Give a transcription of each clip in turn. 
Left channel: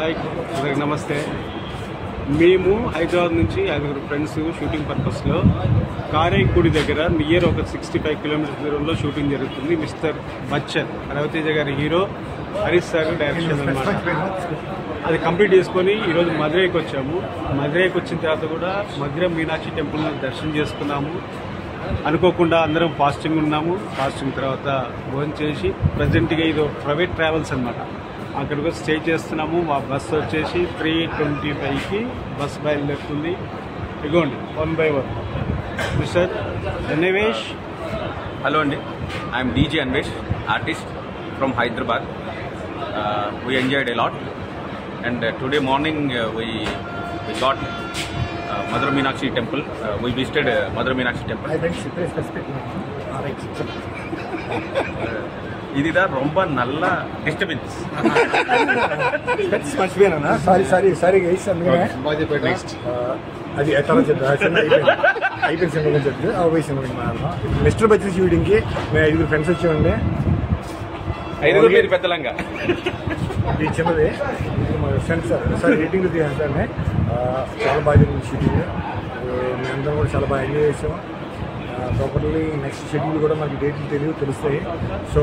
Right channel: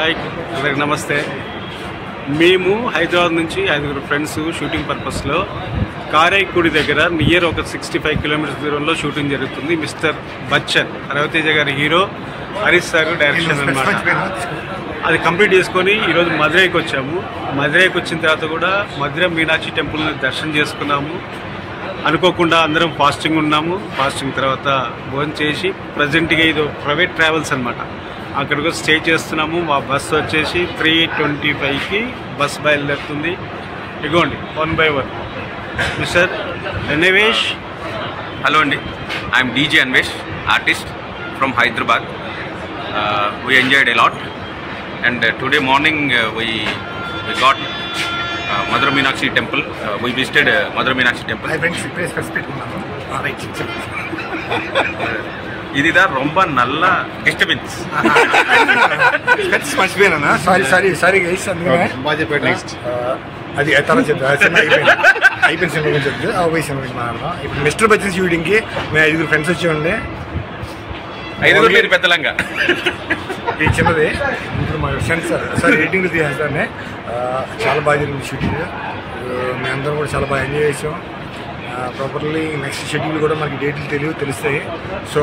Hi అందరికి నమస్తే. మేము హైదరాబాద్ నుంచి 5 ఫ్రెండ్స్ షూటింగ్ పర్పస్లో కారైకుడి దగ్గర నియర్ ఒక 65 కిలోమీటర్స్ దూరంలో షూటింగ్ జరుగుతుంది. మిస్టర్ బచ్చన్ రవితేజ గారి హీరో, హరీష్ సార్ డైరెక్షన్ అనమాట. అది కంప్లీట్ చేసుకొని ఈరోజు మధురైకి వచ్చాము. మధురైకి వచ్చిన తర్వాత కూడా మధురై మీనాక్షి టెంపుల్ని దర్శనం చేసుకున్నాము. అనుకోకుండా అందరం ఫాస్టింగ్ ఉన్నాము. ఫాస్టింగ్ తర్వాత భోజనం చేసి ప్రజెంట్గా ఇది ప్రైవేట్ ట్రావెల్స్ అనమాట, అక్కడికి స్టే చేస్తున్నాము. మా బస్సు వచ్చేసి 3:25కి బస్ బయలుదేరుతుంది. ఇగోండి 1 by 1 మిస్టర్ అన్వేష్. హలో అండి, I'm DJ Anvesh, artist from Hyderabad. We enjoyed a lot and today morning we got Madurai Meenakshi temple. We visited Madurai Meenakshi temple. இதுதான் ரொம்ப நல்ல டிஸ்டர்பன்ஸ். మర్చిపోయానా? సారీ గైస్, అందుకనే అది తర్వాత చెప్తాను. అయిపోయిన సినిమా చెప్తే పోయి సినిమా మాట్లాడదాం. ఇప్పుడు మిస్టర్ బచ్చన్ షూటింగ్కి మేము 5 ఫ్రెండ్స్ వచ్చి ఉండే. 5 పేరు పెద్దలంగా ఇది చిన్నది. ఇప్పుడు మా ఫ్రెండ్స్ సార్ ఎడిటింగ్లో తీసేస్తానే చాలా బాగా జరిగింది షూటింగ్. మేమందరం కూడా చాలా బాగా ఎంజాయ్ చేసాం. ప్రాపర్లీ నెక్స్ట్ షెడ్యూల్ కూడా మనకి డేట్లు తెలుస్తాయి. సో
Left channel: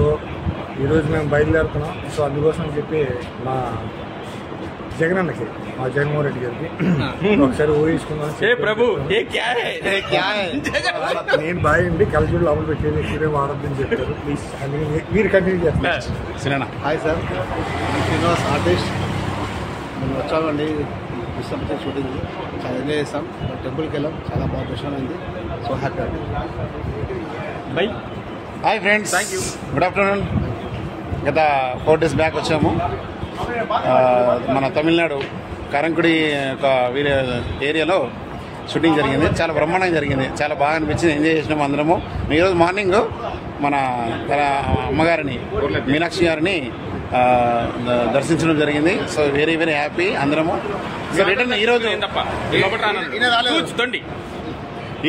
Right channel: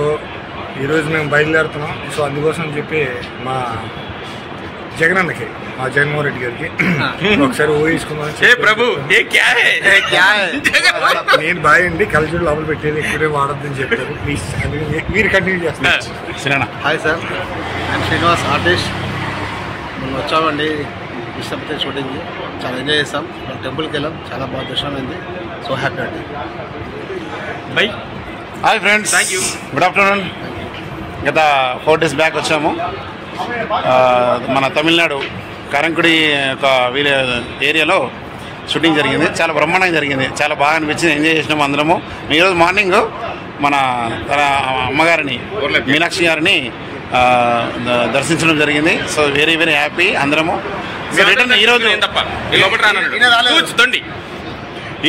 ఈరోజు మేము బయలుదేరుతున్నాం. సో అందుకోసం అని చెప్పి మా జగనన్నకి, మా జగన్మోహన్ రెడ్డి గారికి ఒకసారి ఊహించుకుందాం. నేను బాయ్ అండి, కలచూడు లోపల పెట్టేది ఎక్కువే వాడద్దని చెప్పారు. ప్లీజ్ అందుకని మీరు కంటిన్యూ చేస్తున్నారు. హాయ్ సార్, నేను శ్రీనివాస్, ఆర్టిస్ట్. మనం వచ్చామండి ఇష్టపడితే షూటింగ్ చాలా ఎంజాయ్ చేస్తాం. మనం టెంపుల్కి వెళ్ళాం, చాలా బాగా దర్శనం అయింది. సో హ్యాపీ అండి. By. Hi friends, thank you. Good afternoon. గత 4 days బ్యాక్ వచ్చాము. మన తమిళనాడు కారంకుడి ఒక ఏరియాలో షూటింగ్ జరిగింది. చాలా బ్రహ్మాండంగా జరిగింది, చాలా బాగా అనిపించింది, ఎంజాయ్ చేసినాము అందరము. ఈరోజు మార్నింగ్ మన అమ్మగారిని, మీనాక్షి గారిని దర్శించడం జరిగింది. సో వెరీ వెరీ హ్యాపీ అందరము. రిటర్న్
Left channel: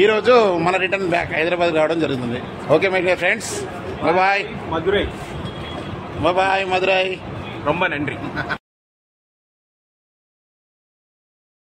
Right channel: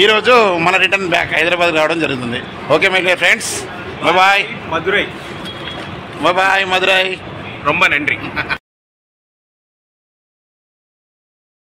ఈరోజు మన రిటర్న్ బ్యాక్ హైదరాబాద్ రావడం జరుగుతుంది. Okay my dear friends, bye. Madurai. Bye Madurai. ரொம்ப நன்றி.